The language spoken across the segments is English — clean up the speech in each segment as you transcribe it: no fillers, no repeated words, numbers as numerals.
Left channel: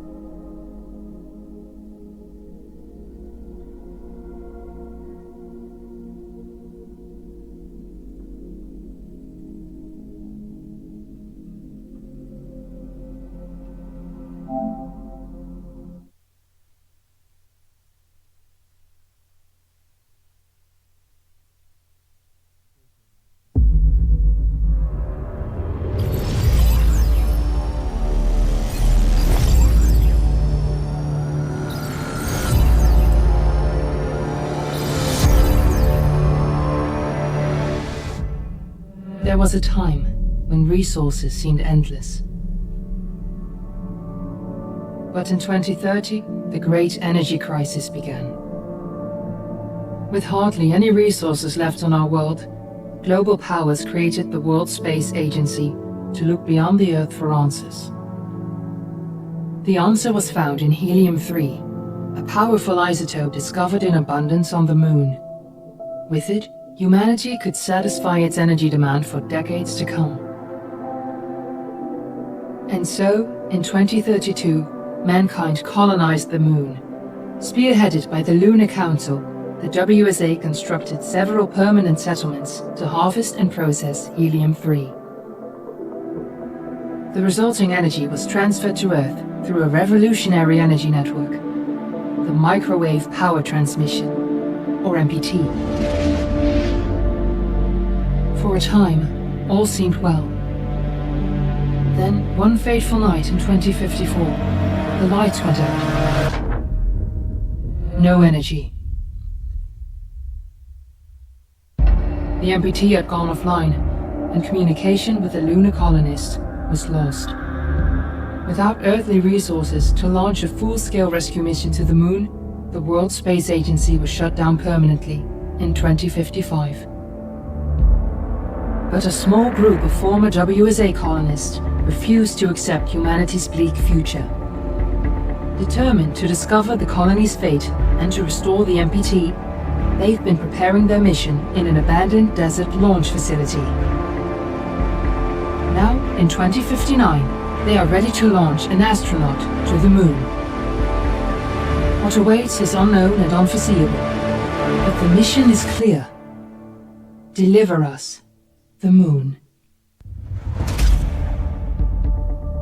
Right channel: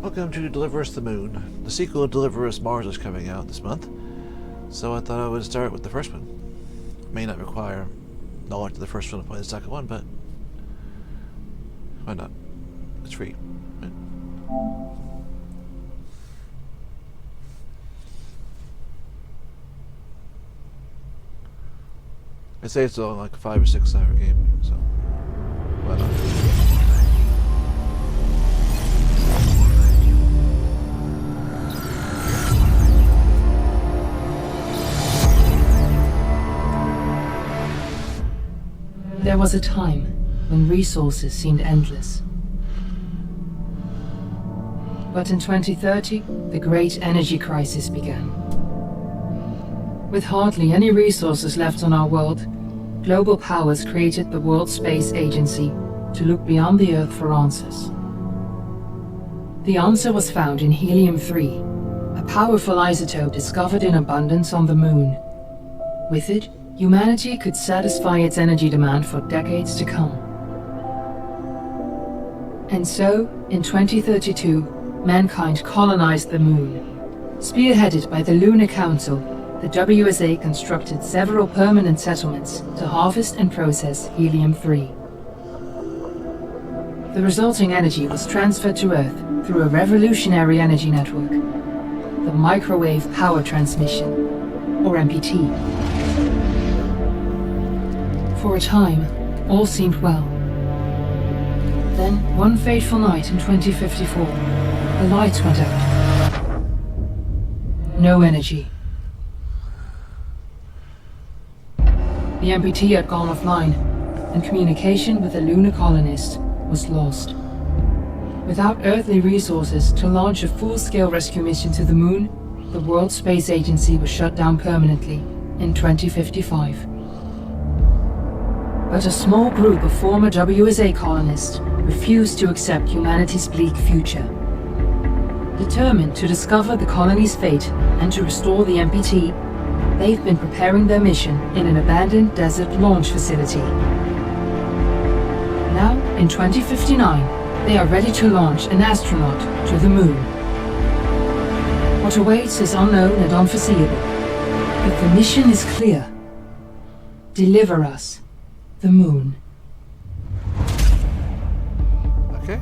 Welcome to Deliver Us the Moon. The sequel, Deliver Us Mars, is coming out this month, so I thought I would start with the first one. May not require knowledge of the first one to play the second one, but why not? It's free. I say it's only like a 5 or 6 hour game, so why not? There was a time when resources seemed endless. But in 2030, the great energy crisis began. With hardly any resources left on our world, global powers created the World Space Agency to look beyond the Earth for answers. The answer was found in helium-3, a powerful isotope discovered in abundance on the Moon. With it, humanity could satisfy its energy demand for decades to come. And so, in 2032, mankind colonized the Moon. Spearheaded by the Lunar Council, the WSA constructed several permanent settlements to harvest and process helium-3. The resulting energy was transferred to Earth through a revolutionary energy network, the Microwave Power Transmission, or MPT. For a time, all seemed well. Then, one fateful night in 2054, the lights went out. No energy. The MPT had gone offline, and communication with the lunar colonist was lost. Without earthly resources to launch a full-scale rescue mission to the Moon, the World Space Agency was shut down permanently in 2055. But a small group of former WSA colonists refused to accept humanity's bleak future. Determined to discover the colony's fate and to restore the MPT, they've been preparing their mission in an abandoned desert launch facility. Now, in 2059, they are ready to launch an astronaut to the Moon. What awaits is unknown and unforeseeable, but the mission is clear. Deliver us the Moon. Okay.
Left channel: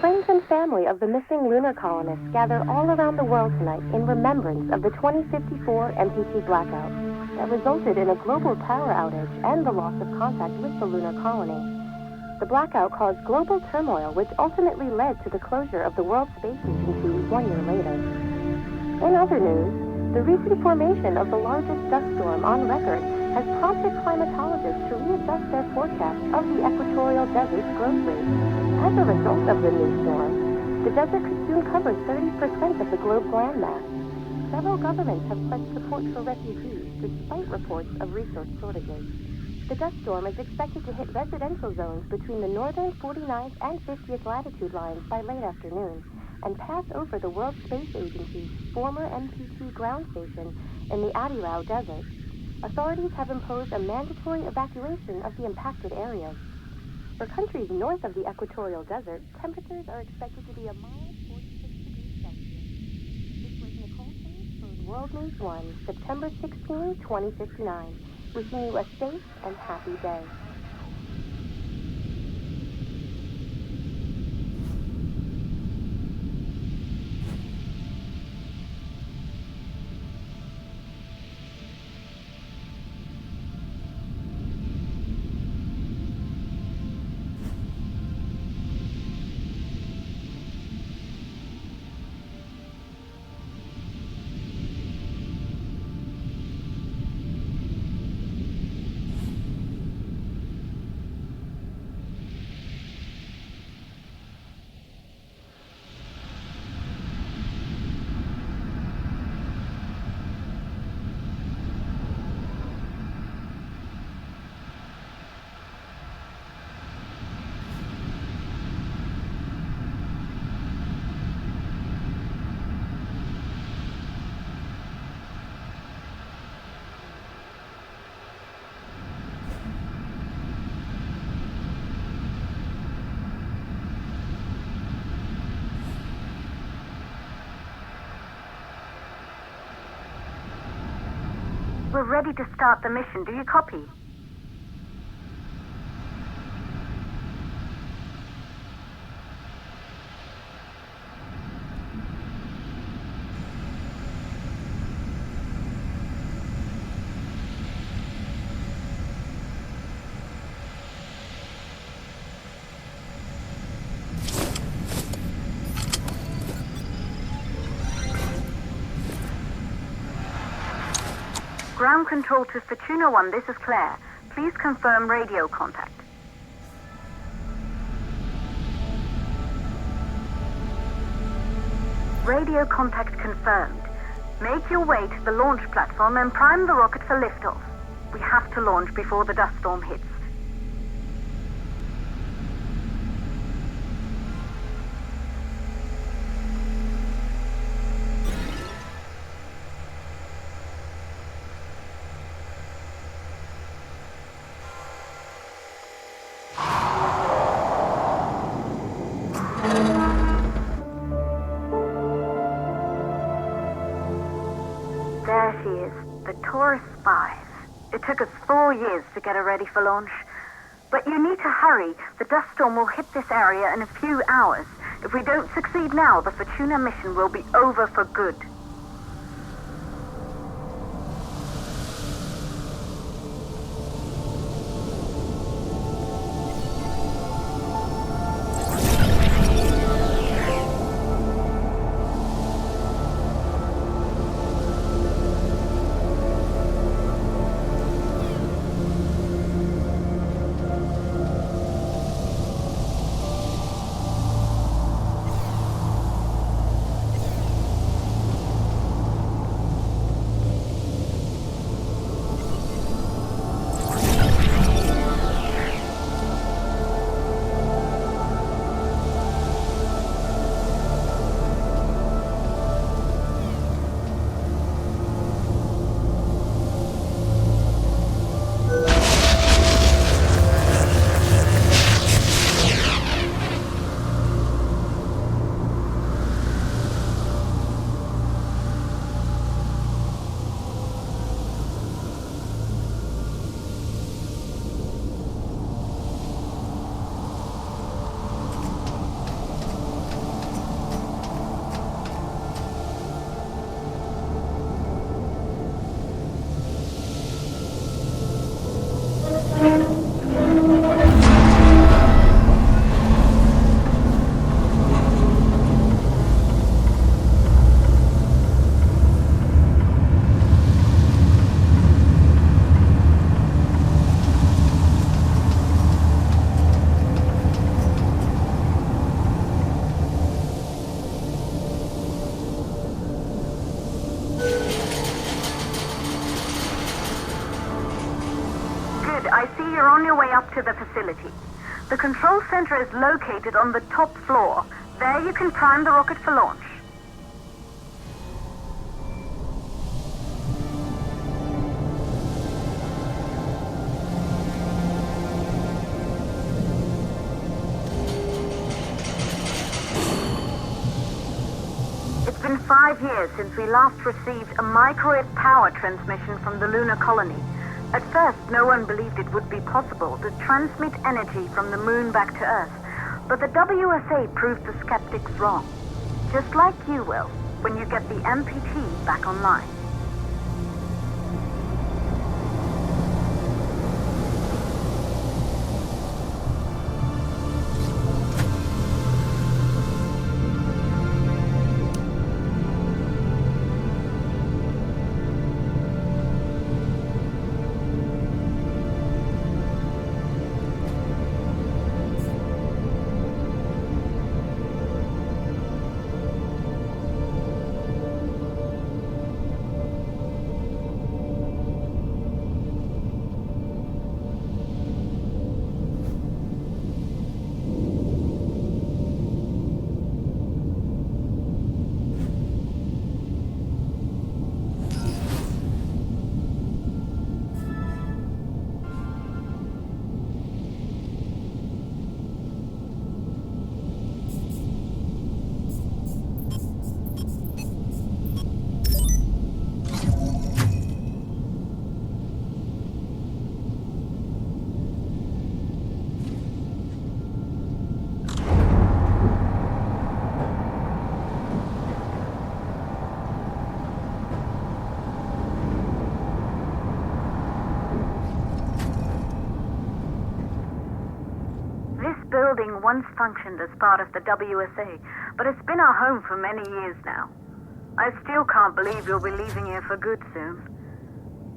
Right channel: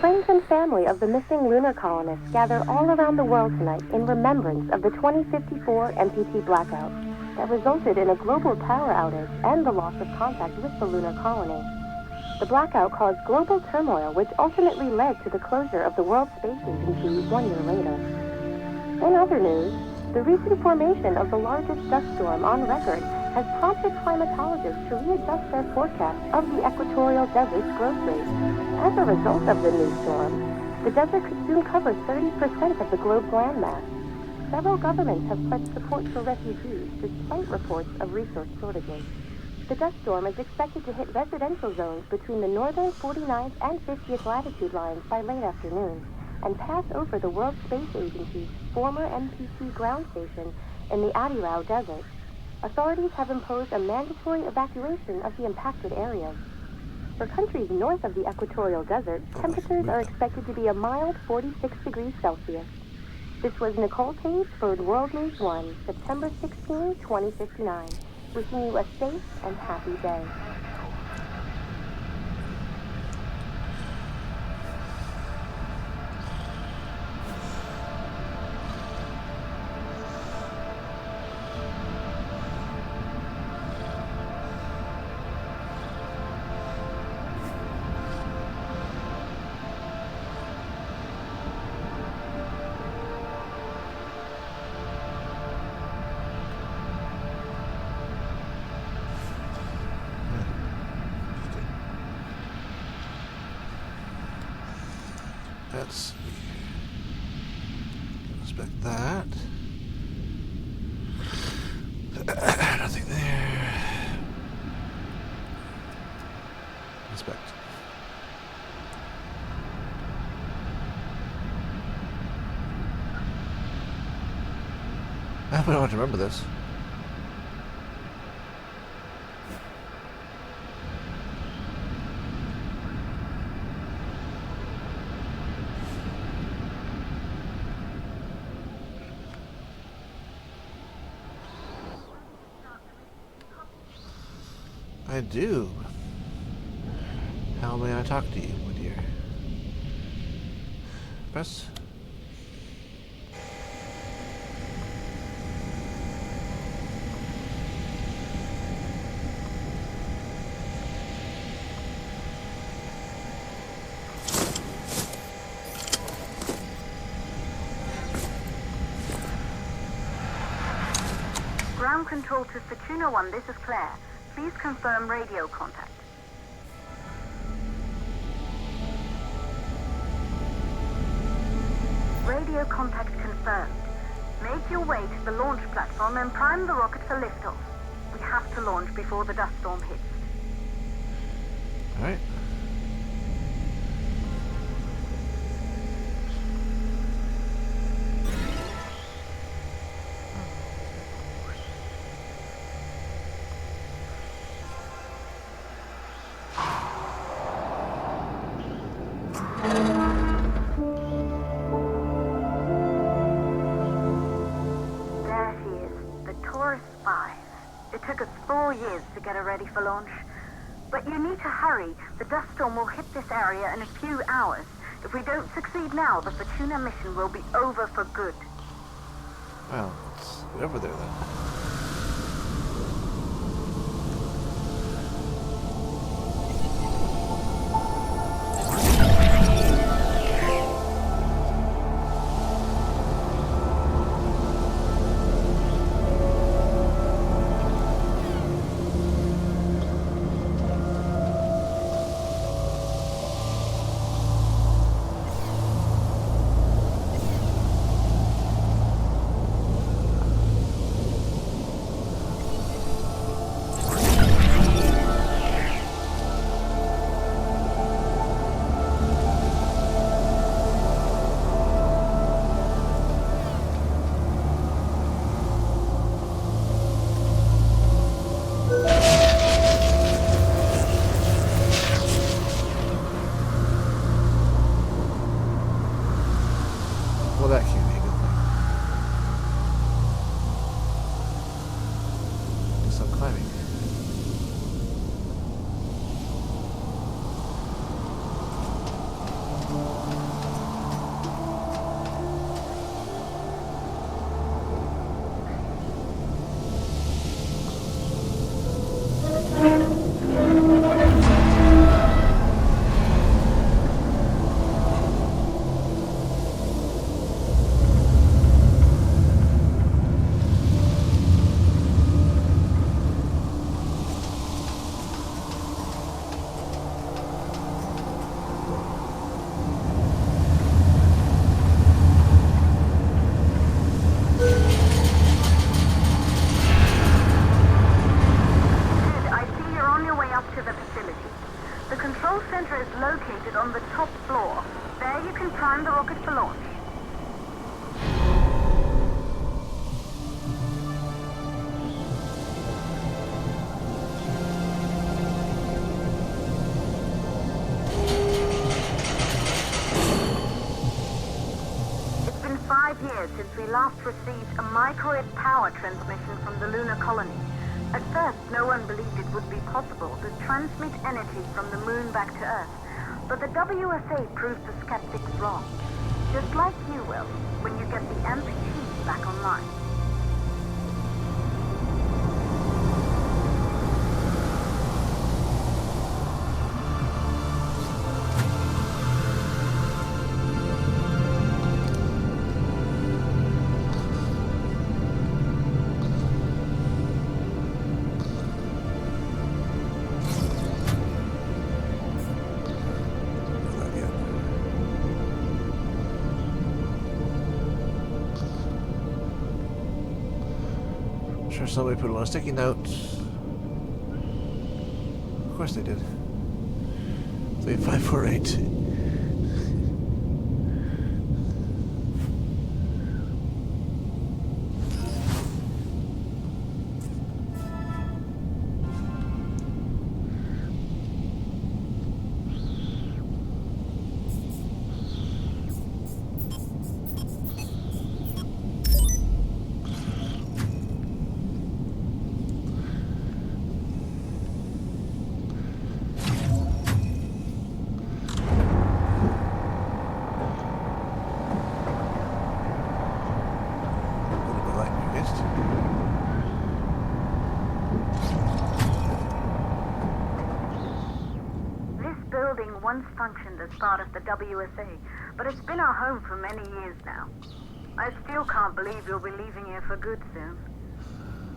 Friends and family of the missing lunar colonists gather all around the world tonight in remembrance of the 2054 MPT blackout that resulted in a global power outage and the loss of contact with the lunar colony. The blackout caused global turmoil, which ultimately led to the closure of the World Space Agency 1 year later. In other news, the recent formation of the largest dust storm on record has prompted climatologists to readjust their forecast of the equatorial desert's growth rate. As a result of the new storm, the desert could soon cover 30% of the globe's landmass. Several governments have pledged support for refugees despite reports of resource shortages. The dust storm is expected to hit residential zones between the northern 49th and 50th latitude lines by late afternoon and pass over the World Space Agency's former MPT ground station in the Adirau Desert. Authorities have imposed a mandatory evacuation of the impacted areas. For countries north of the equatorial desert, temperatures are expected to be a mild 46 degrees Celsius. This was Nicole Cage for World News 1, September 16, 2059. Wishing you a safe and happy day. Let's inspect that. Nothing there. Inspect. I don't know how to remember this. We're ready to start the mission. Do you copy? I do. How may I talk to you, dear? Press. Ground control to Fortuna 1, this is Claire. Please confirm radio contact. Radio contact confirmed. Make your way to the launch platform and prime the rocket for liftoff. We have to launch before the dust storm hits. All right. There she is, the Taurus 5. It took us 4 years to get her ready for launch. But you need to hurry. The dust storm will hit this area in a few hours. If we don't succeed now, the Fortuna mission will be over for good. Well, it's over there then. Well, that can't be good. So climbing. To the facility. The control center is located on the top floor. There you can prime the rocket for launch. It's been 5 years since we last received a microwave power transmission from the lunar colony. At first, no one believed it would be possible to transmit energy from the moon back to Earth. But the WSA proved the skeptics wrong. Just like you will, when you get the MPT back online. Sure, somebody put it on a sticky note. Of course they did. 3548. building once functioned as part of the WSA, but it's been our home for many years now. I still can't believe you'll be leaving here for good soon.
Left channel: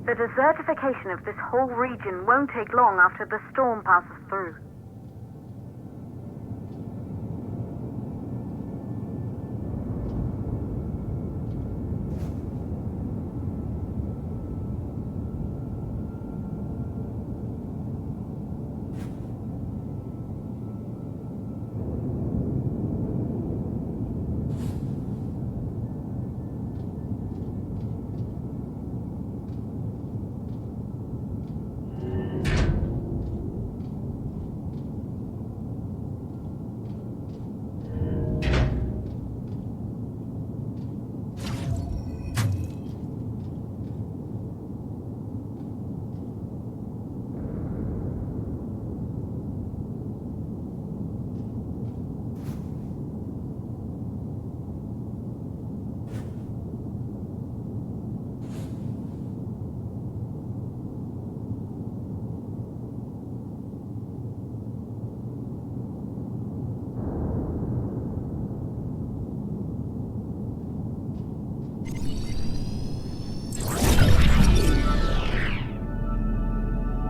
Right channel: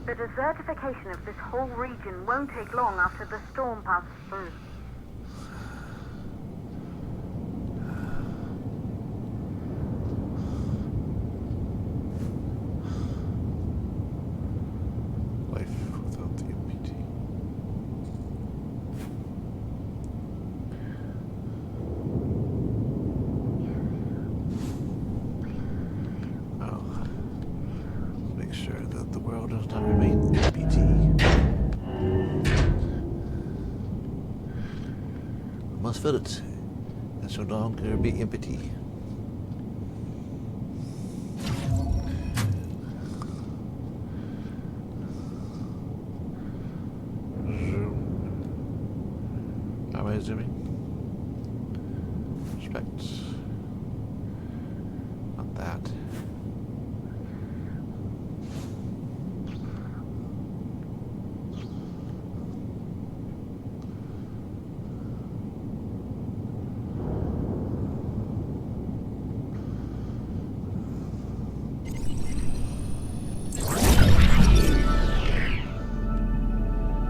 The desertification of this whole region won't take long after the storm passes through. Life without the MPT. Oh. Make sure that the world does not remain MPT. Must fill it. And so long can it be MPT. Am I zooming? Respect. Not that.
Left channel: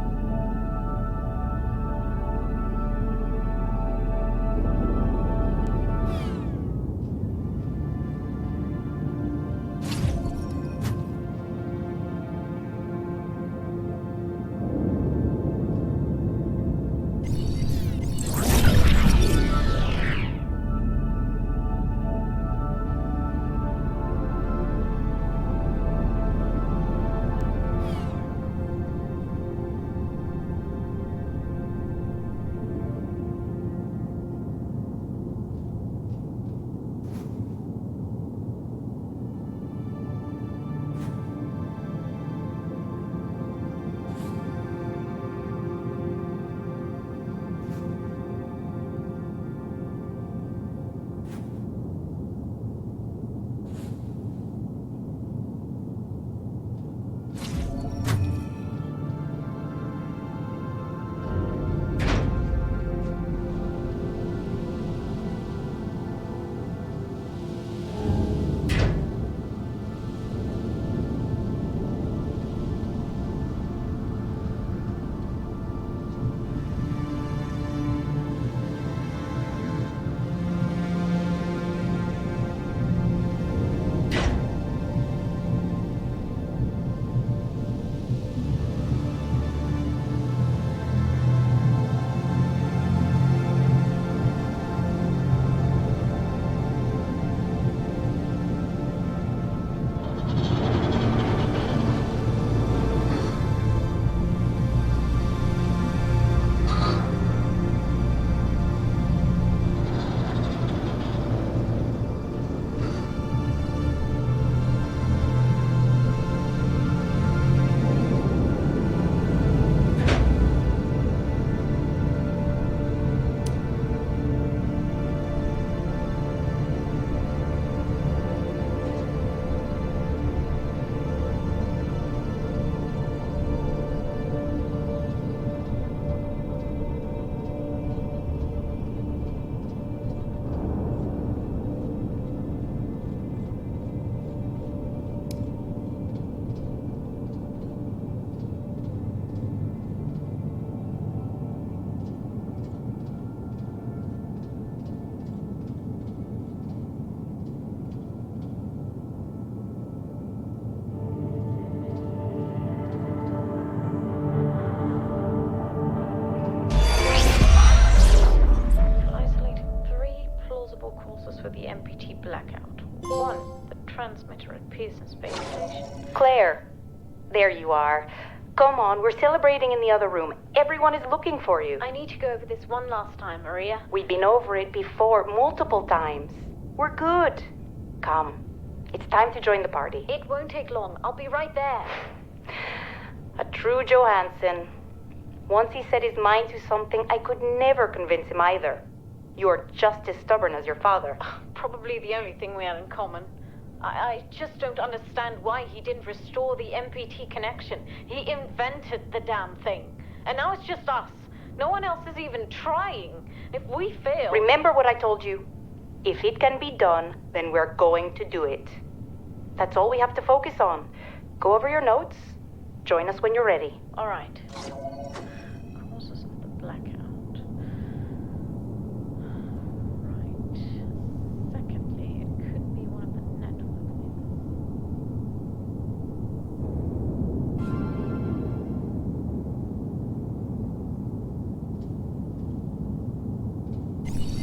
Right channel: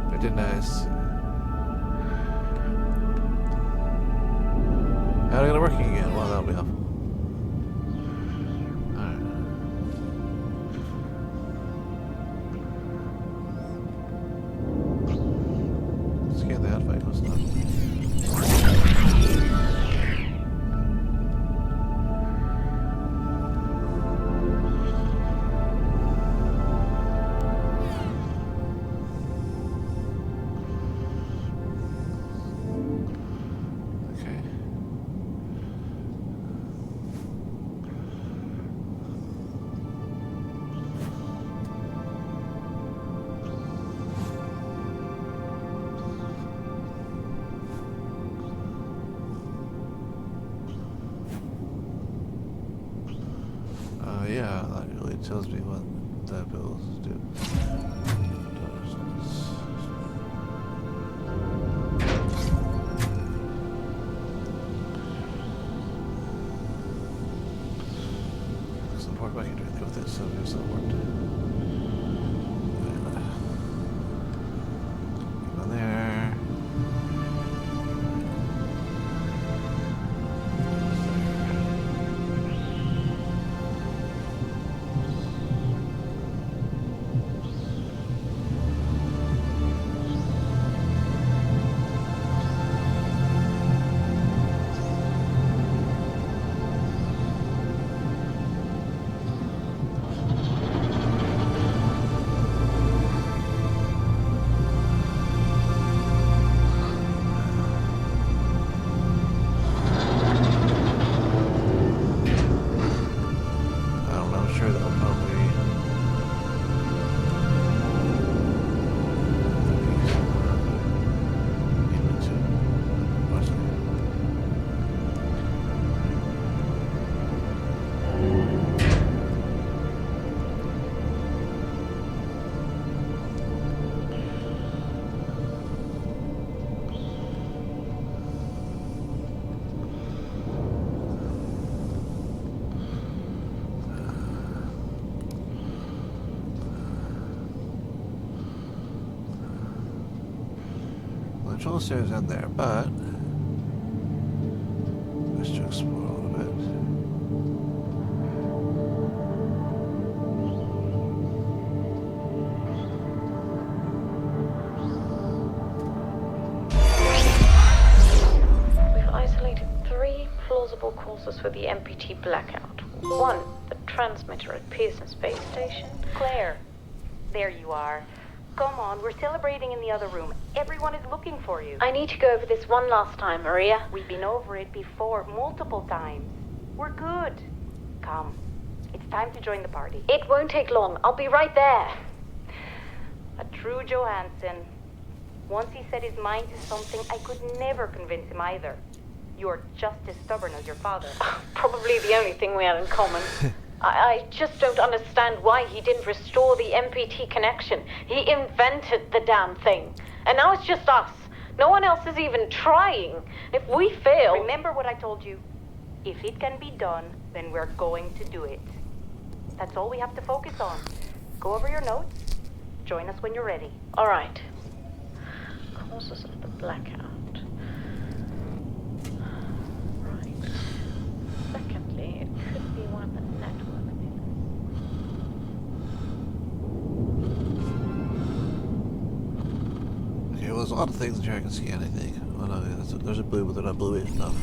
Pretty nice. How are they gonna work again? Well, that'll be helpful. Alright. Scan that if I go stuff. Okay. Yeah, that really tells me what that bill do. Support back into anything with this. I'll do support. In there. I'm sure they'll probably. The control stairs in there, but let's just explore a little bit. We've isolated 3 plausible causes for the MPT blackout. 1, the transmitter at Pearson Space Station. Claire, there you are. Come on, we're celebrating in the other room. Everyone is looking for you. I need to go over this one last time, Maria. We've been over it before, multiple times. We're good. Come, it's time to join the party. It won't take long. I'll be right there. A true Johansson. Once he set his mind to something, I could never convince him either. You're just as stubborn as your father. Probably the only thing we have in common. I just don't understand why he didn't restore the MPT connection. He invented the damn thing. And now it's just us. No one else is even trying. If we fail... Remember what I told you. If it can be done, then we're going to do it. That's all we have to focus on. Go over your notes. Join us when you're ready. All right. Causes of the blackout. Right. Secondly, it could be one of the network things. Okay, well, there's a lot of things in here I can see anything. Oh no, there's a blue, but they're not blue enough.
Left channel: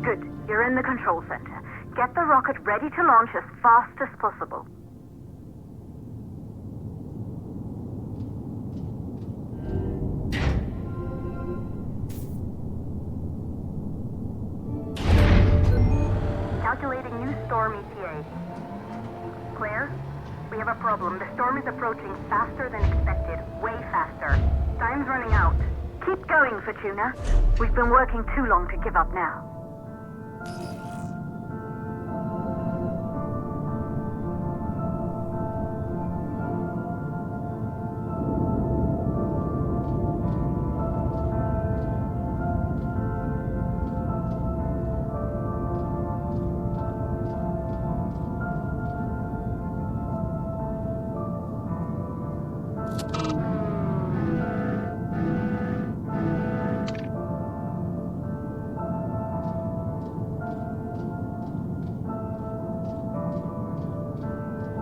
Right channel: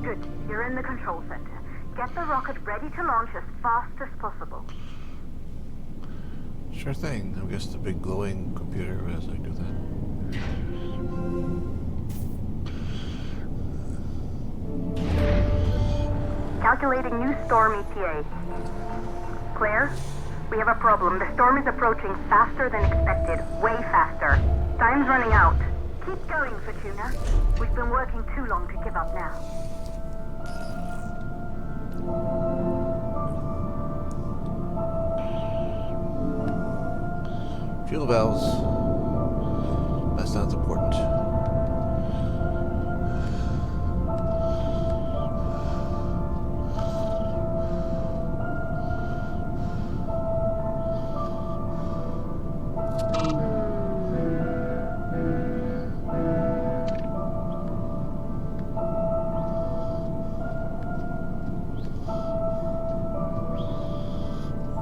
Good. You're in the control center. Get the rocket ready to launch as fast as possible. Sure thing. I guess the big glowing computer has to do that. Calculating new storm ETA. Claire, we have a problem. The storm is approaching faster than expected. Way faster. Time's running out. Keep going, Fortuna. We've been working too long to give up now. Fuel valves. That sounds important.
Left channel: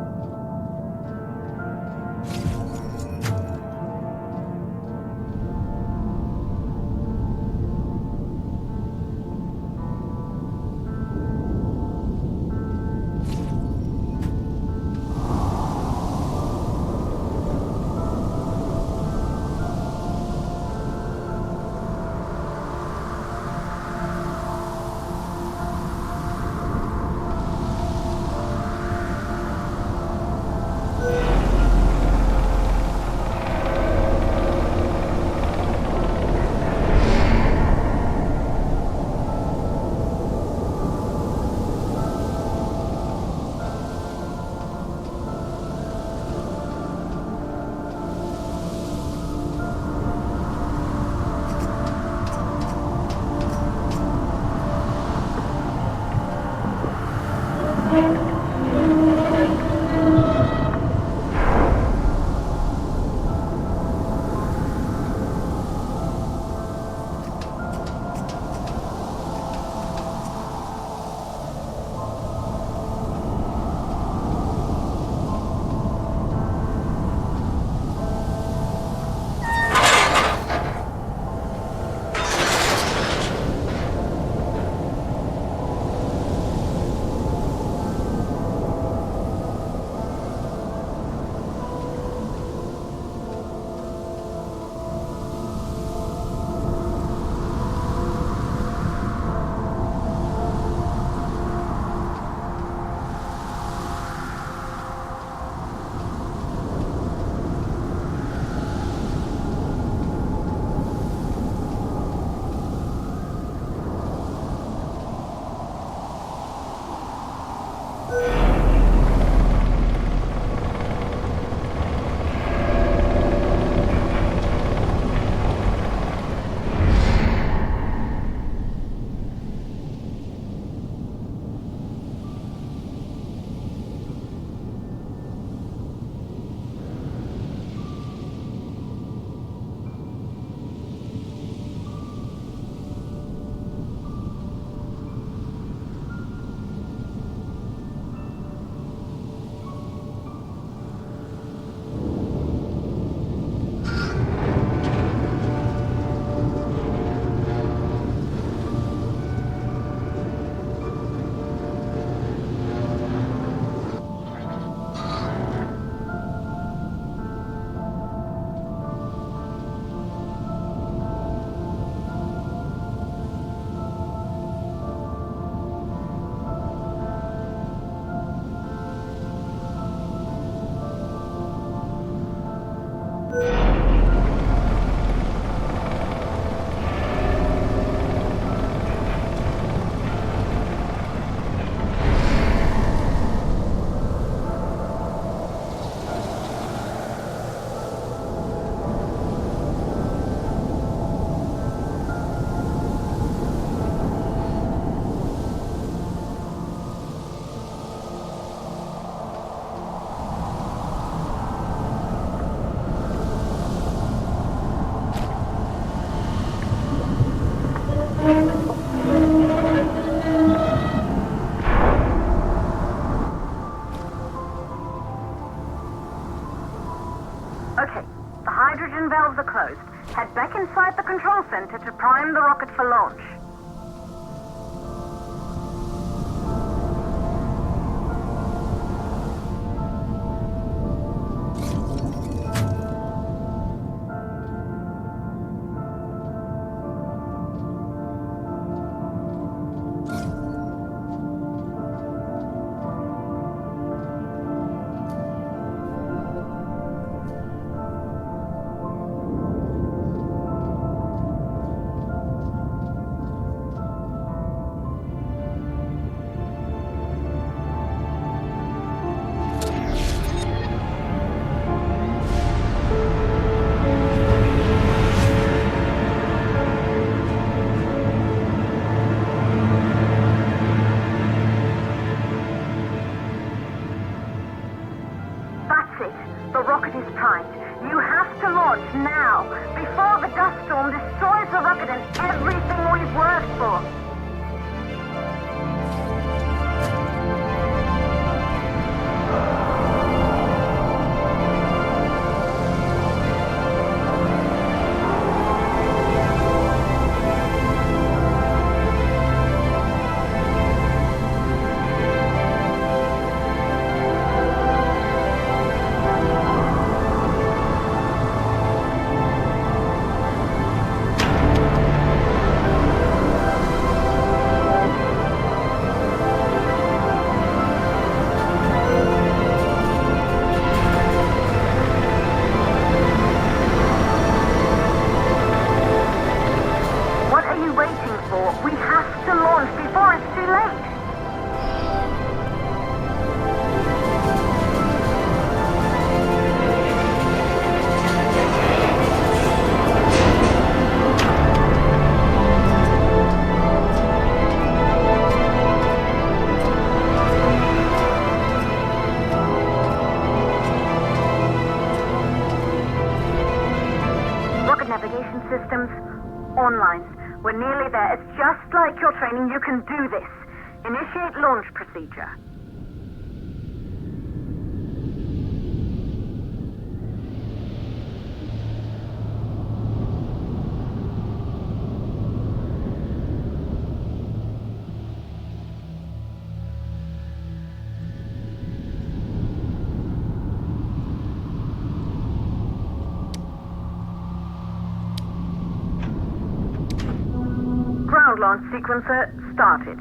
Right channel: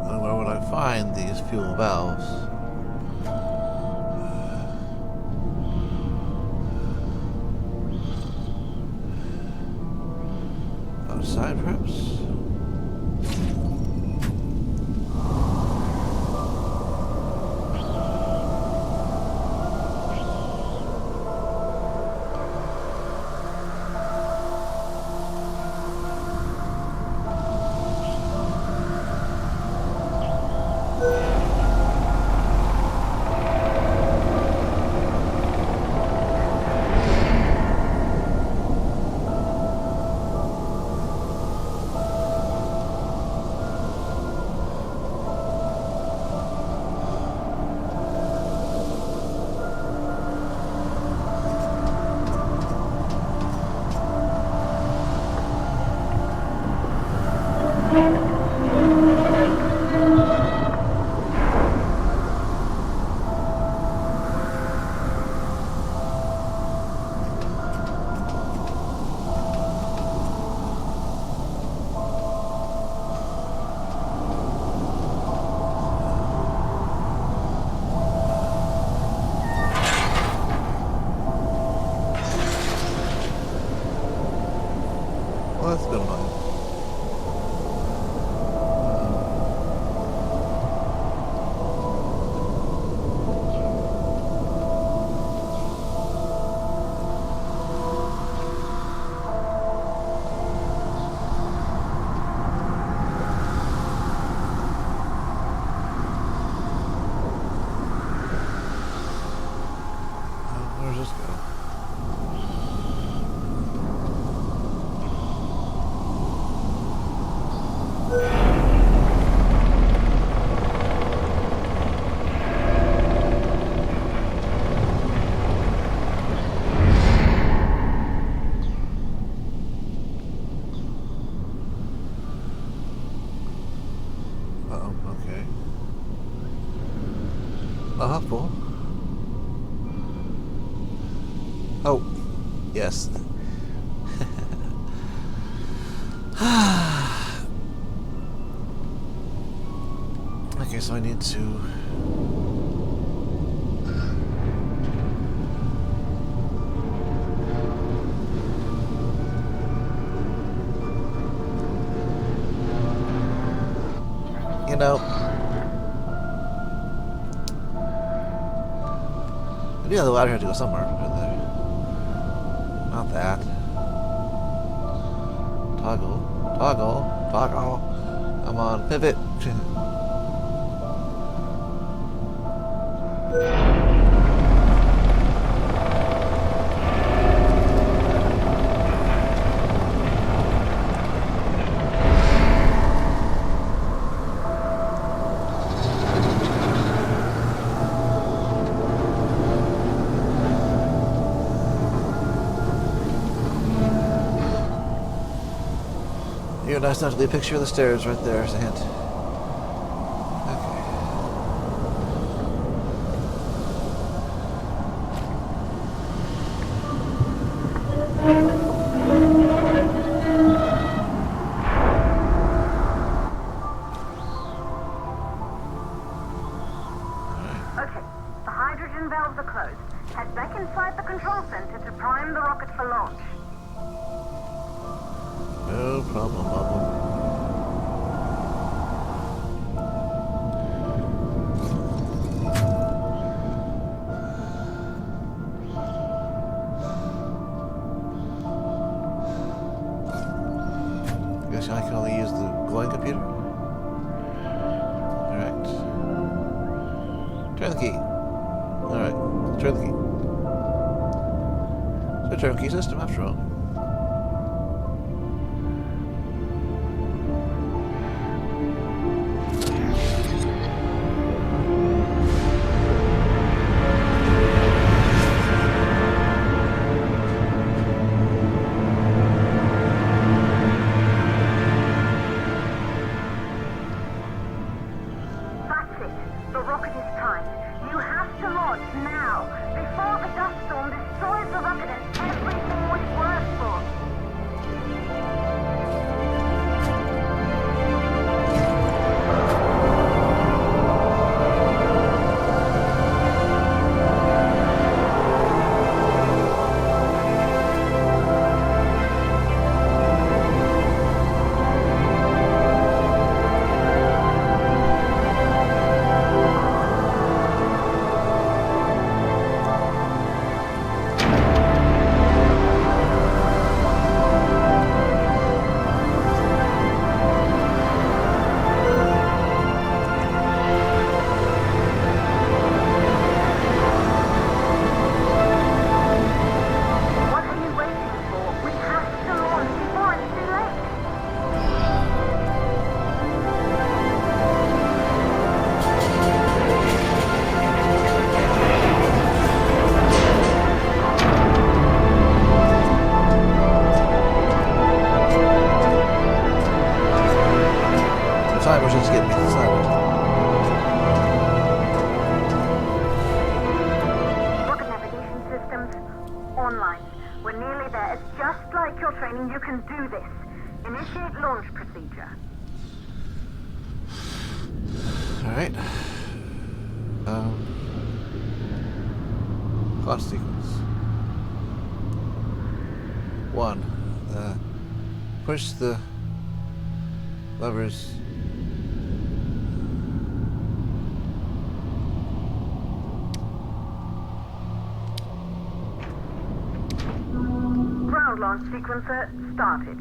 And where would I find these fuel valves? Outside, perhaps? Well, that's a good one. Okay. Cool. Oh, yes. Okay, so I need to... Yeah, the ladder had to go somewhere. Not that. Toggle. Toggle. Toggle. Come on, pivot. You're nice enough to leave a picture of the stairs right there as a hint. Okay, the hydrogen valves are closed. Head back inside the control center to prime the rocket for launch. No problem. Guess I can only use the glowing computer. Alright. Turn the key. Alright, turn the key. It's a turnkey system after all. That's it. The rocket is primed. You have to launch now, before the dust storm destroys the rocket and everything we've worked for. What are you waiting for? We have to launch before it's too late. The timer's just getting me to the sidewalk. Rocket navigation systems online. We're nearly there. It's just like your training. You can do this. Initiate launch procedure. Alright. Launch sequence. 1. Push the levers. Ground launch sequencer started.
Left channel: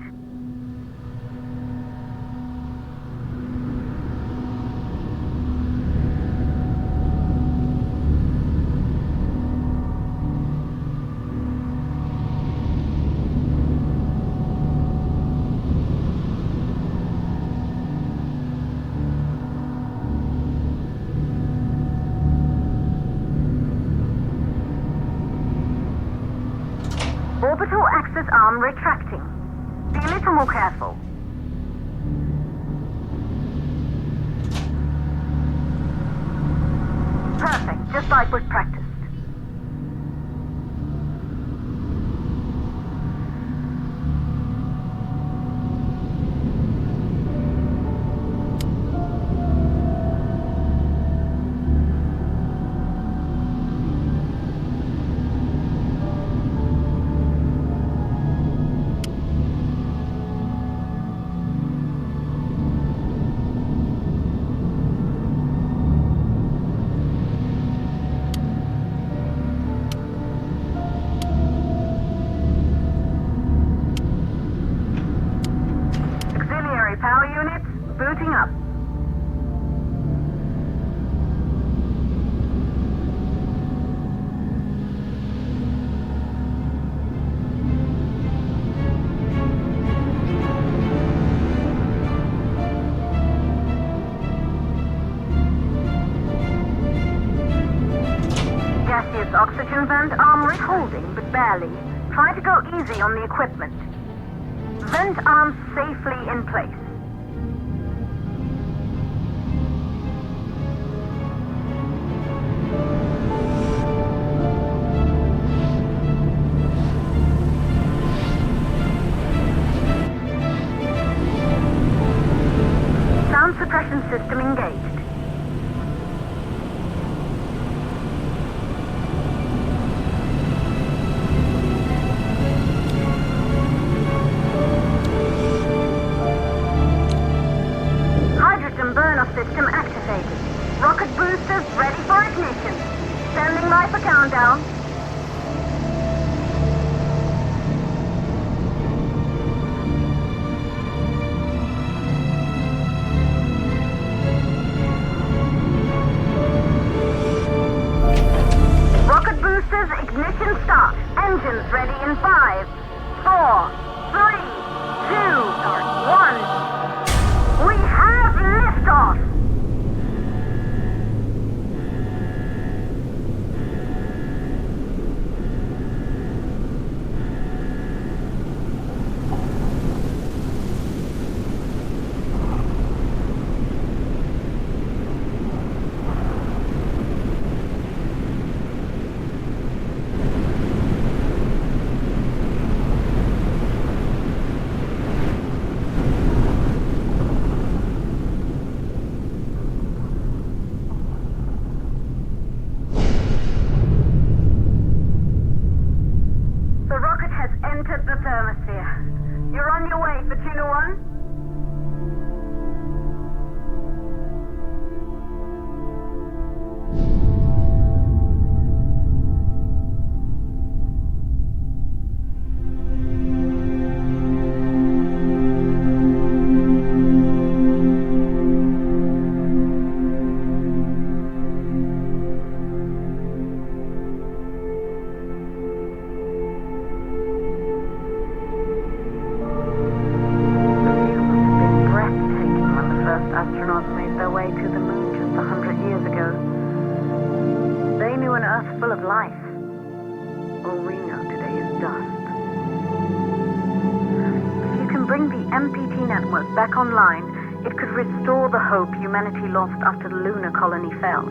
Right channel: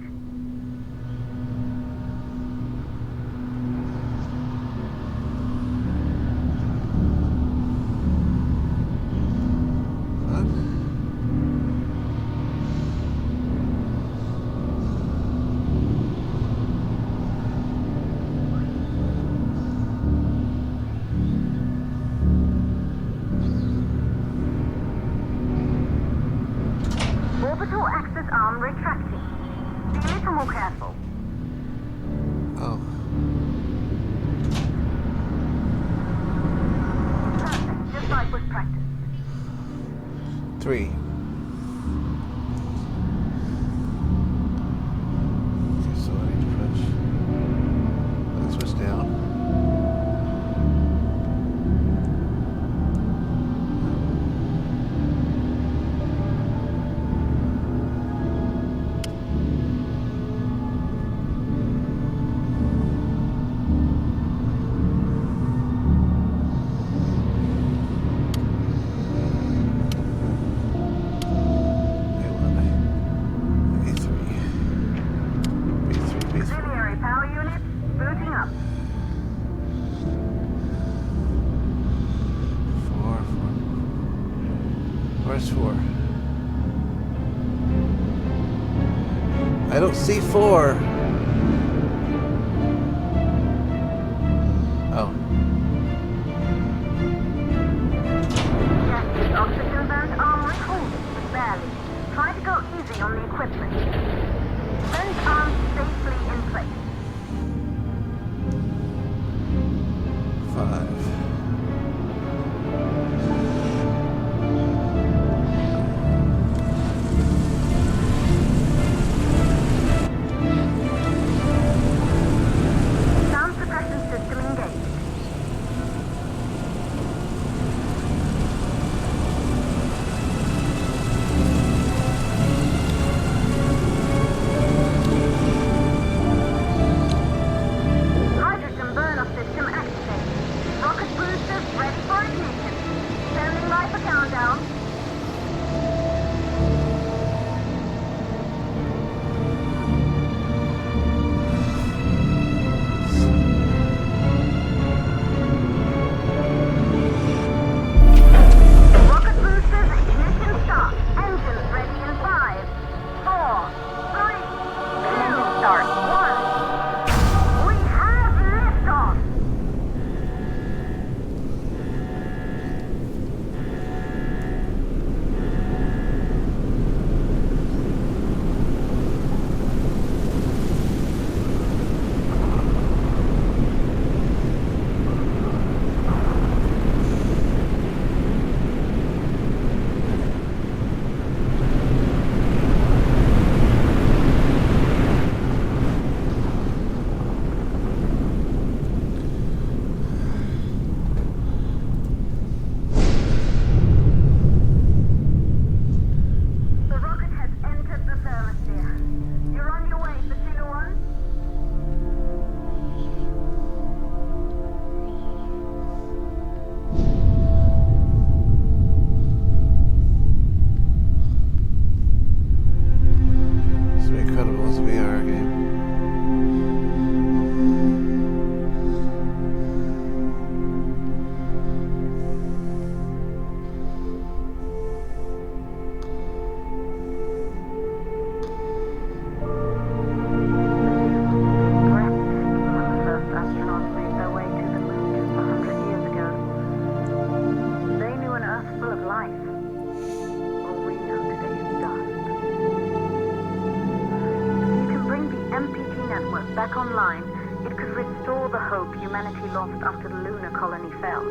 Orbital access arm retracting. Be a little more careful. Oh. Perfect, just like was practiced. 3. Switch down. C4. Oh. Gaseous oxygen vent armory holding, but barely. Try to go easy on the equipment. Vent arms safely in place. 5. Sound suppression system engaged. Hydrogen burn-off system activated. Rocket boosters ready for ignition. Standing by for countdown. Rocket boosters ignition start. Engines ready in 5, 4, 3, 2, start 1. We have liftoff! The rocket has entered the thermosphere. You're on your way, Fortuna 1. It's very incredible as a VR game. The view must have been breathtaking when the first astronauts made their way to the moon just 100 years ago. They knew an Earth full of life. All we know today is dust. If you can bring the MPT network back online, it could restore the hope humanity lost after the lunar colony fell.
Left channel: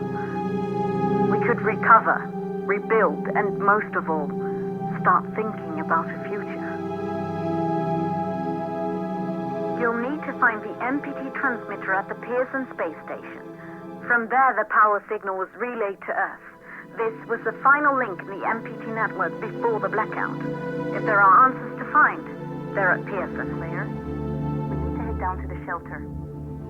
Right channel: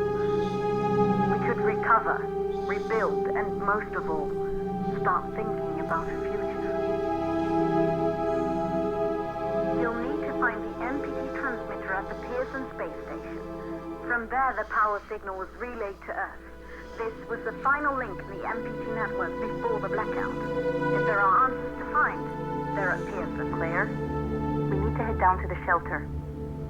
We could recover, rebuild, and most of all, start thinking about a future. You'll need to find the MPT transmitter at the Pearson space station. From there, the power signal was relayed to Earth. This was the final link in the MPT network before the blackout. If there are answers to find, they're at Pearson. Claire, we need to head down to the shelter.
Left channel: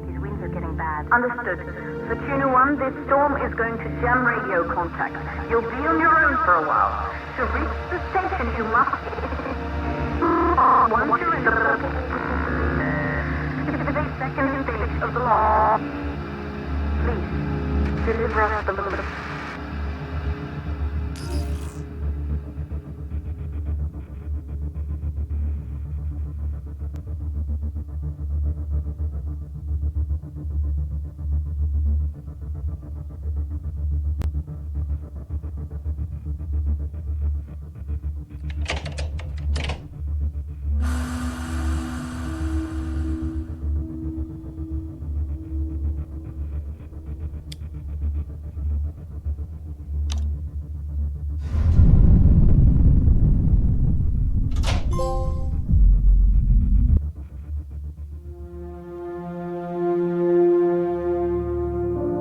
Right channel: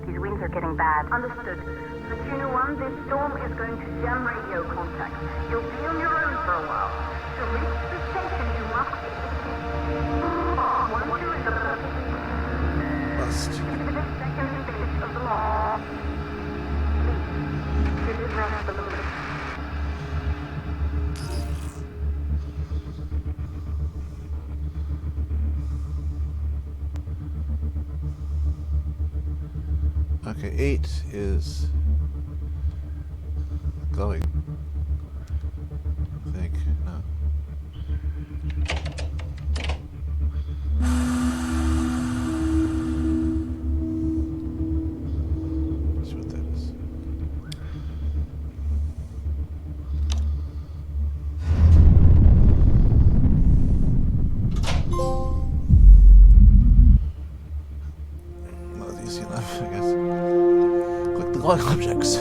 These winds are getting bad. Understood. Fortuna 1, this storm is going to jam radio contact. You'll be on your own for a while. To reach the station, you must... Once you're in the... The second stage of the launch. Please, deliver us the load. Okay, 8 is glowing. I think. No. Let's see what that is. Not easy enough, I guess. Click the glowing objects.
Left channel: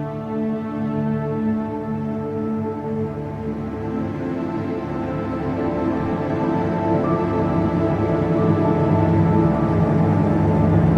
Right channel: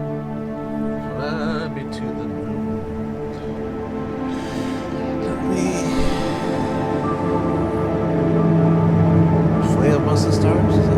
Fly me to the moon. Let me fly amongst the stars. Is it?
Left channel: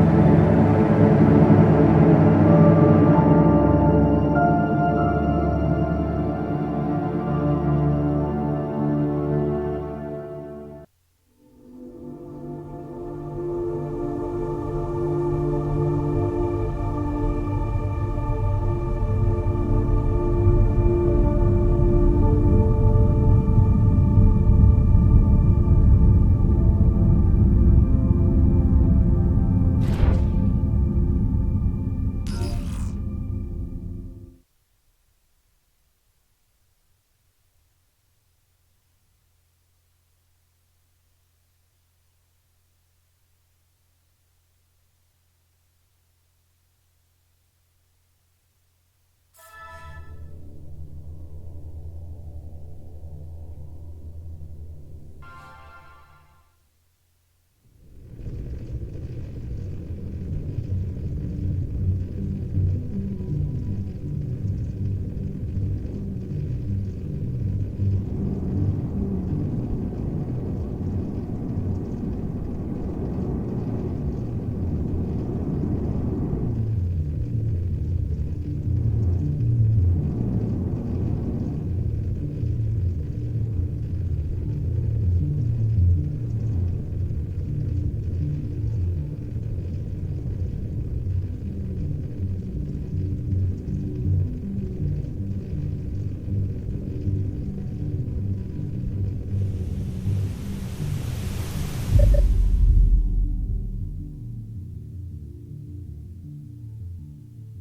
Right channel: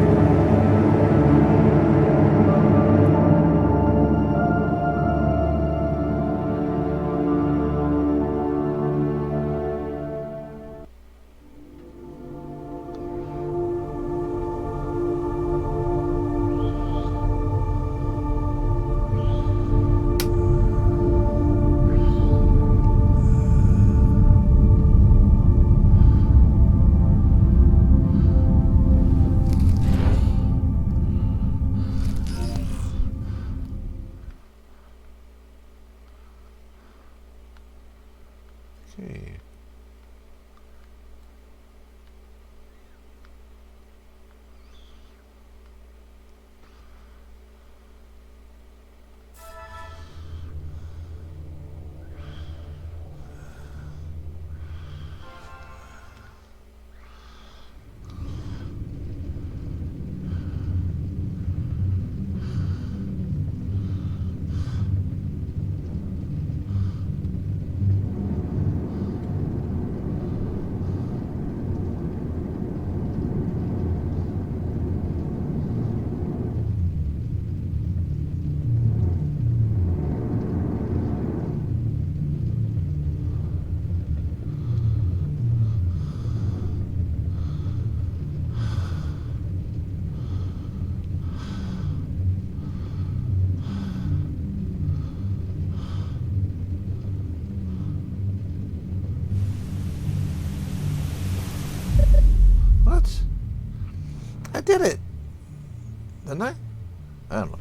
I did it! Didn't I? I don't know.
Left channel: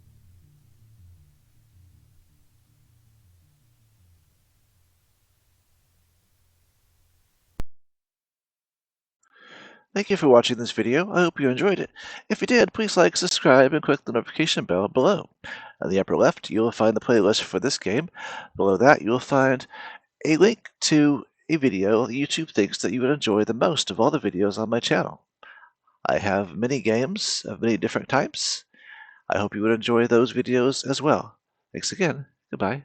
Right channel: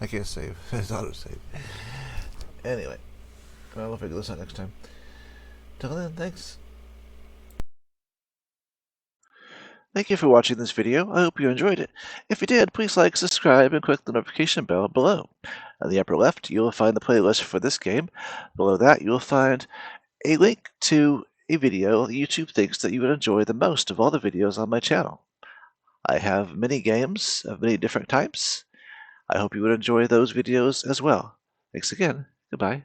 I can't save. It's auto-save. Anyway. Well, we'll figure this out next time. Till then, thanks. Thank you for watching this video. I hope you enjoyed it. If you did, please like, subscribe, and click the notification bell below. On the upper left, you will find the playlist for this game. Below that, you will find a link to a video YouTube thinks that you would enjoy the most of all the videos on my channel. I have many games of many different types. I hope you would enjoy those videos as well. Thanks again. Goodbye.